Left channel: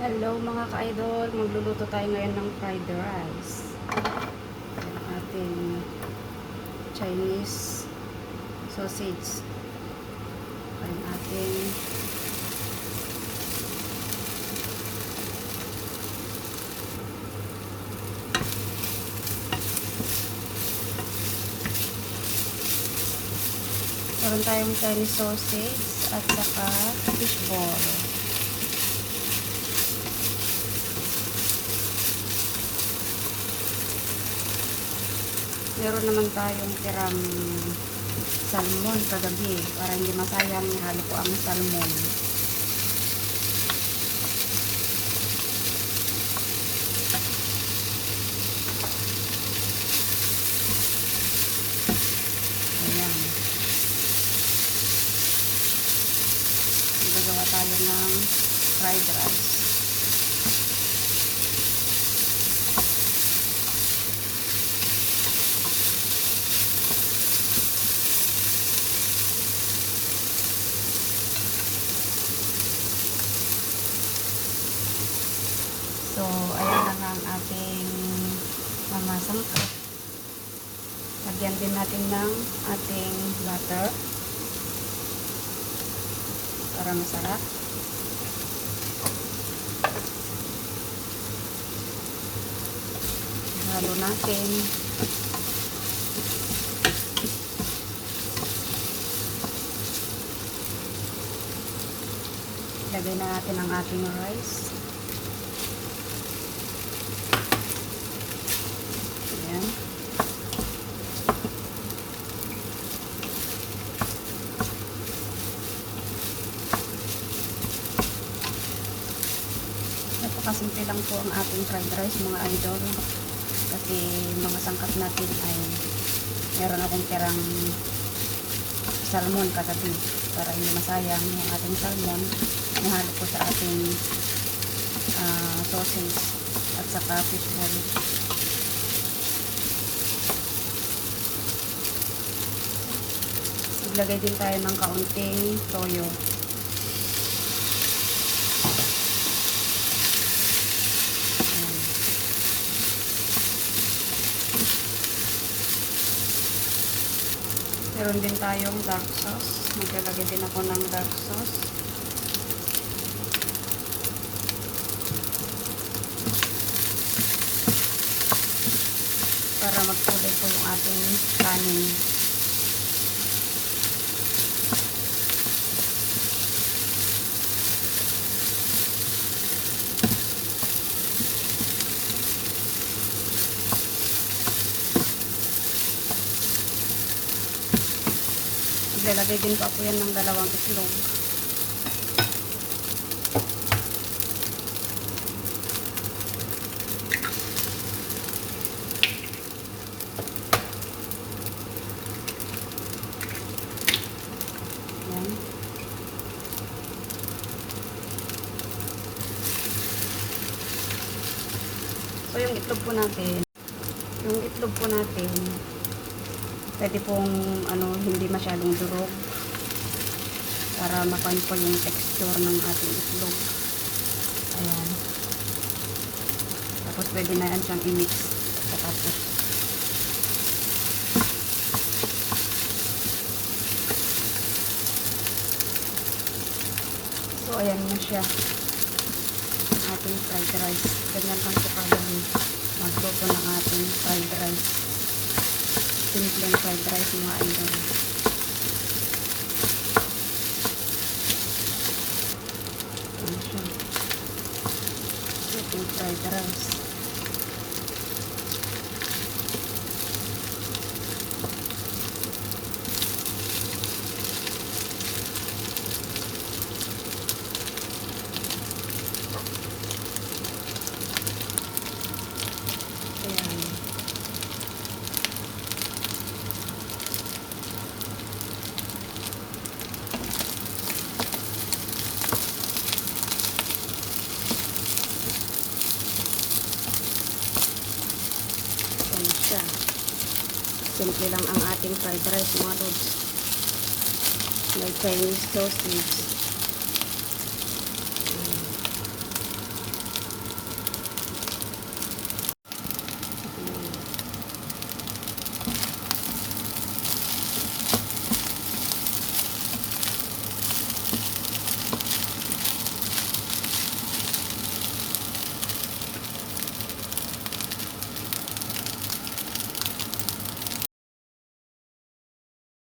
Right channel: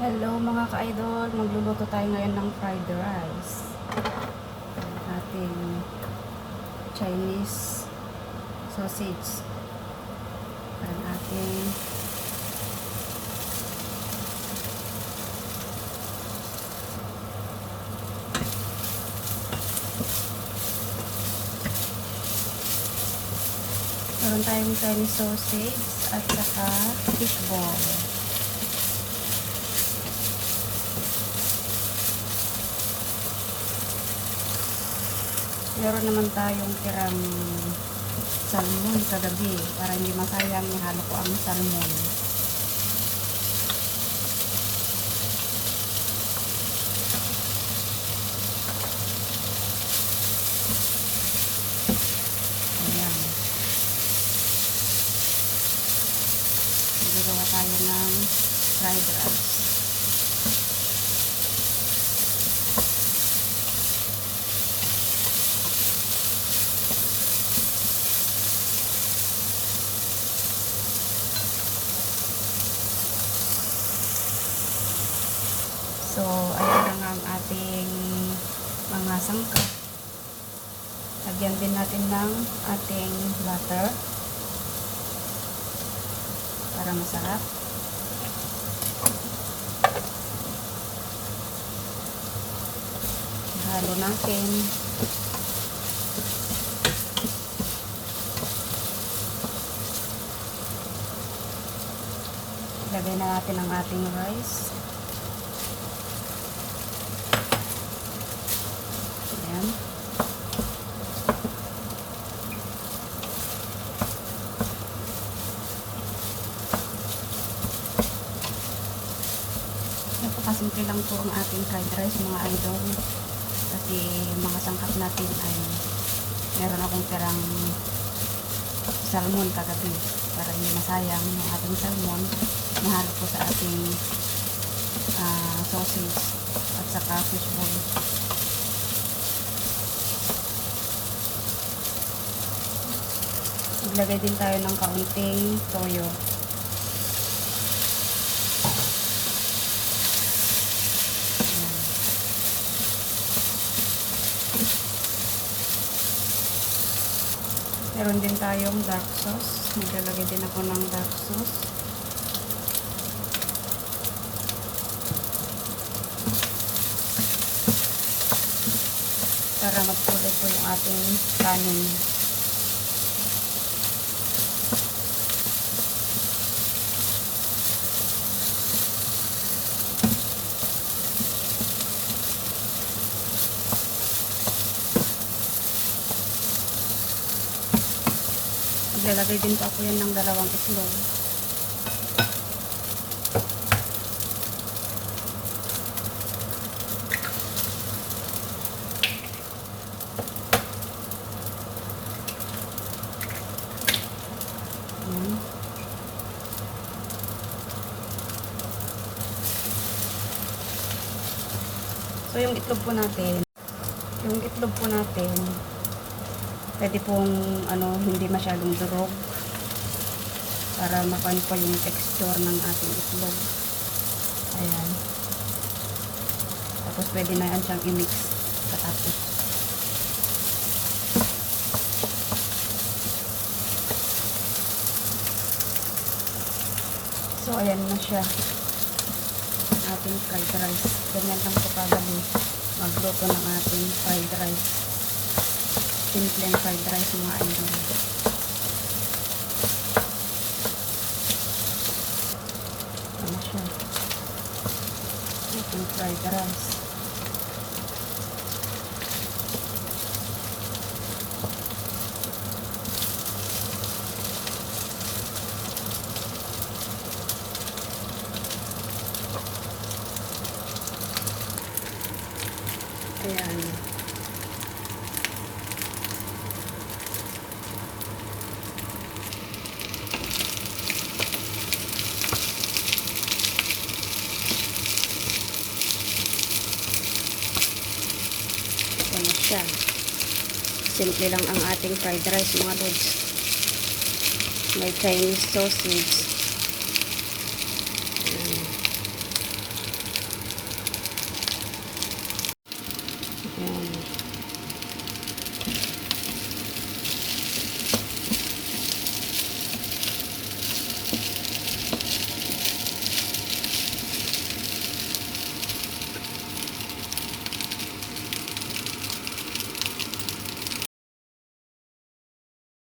Hello mga ka-idol, magluluto tayo ngayon ng fried rice. Ang ating Chinese sausage. Ang ating meron tayong Chinese sausage at saka fishball. Meron naman tayong tirang salmon kagabi. Para hindi masayang, ihalo ko ang salmon. Ayan. Gagawa tayo ng fried rice. So, ayan na nga ang ating mga sangkap. Lagyan din natin ng ating butter para masarap. Halo natin. Lagay na natin ang ating rice. Ayan. Napakasimple lang po ang ating fried rice mga idol. Kasi mga sangkap natin ay meron akong tirang salmon kagabi. Para hindi masayang yung ating salmon, nahalo ko sa ating sausage at saka fishball. Maglagay din tayo ng kaunting toyo. Ayan. Meron din tayong dark sauce. Maglalagay din ako ng dark sauce. Para magkulay po yung ating kanin. Maglalagay din po ako yan ng 2 itlog. Yan. So yung itlog po natin, pwede pong hindi masyadong durog para makuha po yung texture ng ating itlog. Ayan. Tapos pwede na yan siyang i-mix katapos. So ayan na siya. Ating fried rice. Ganyan lang po kadali magluto ng ating fried rice. Simple fried rice mga idol. Ano siya? Ating fried rice. Ayan. Ayan siya. Simple lang ang ating fried rice mga lods. May Chinese sausage. Hmm.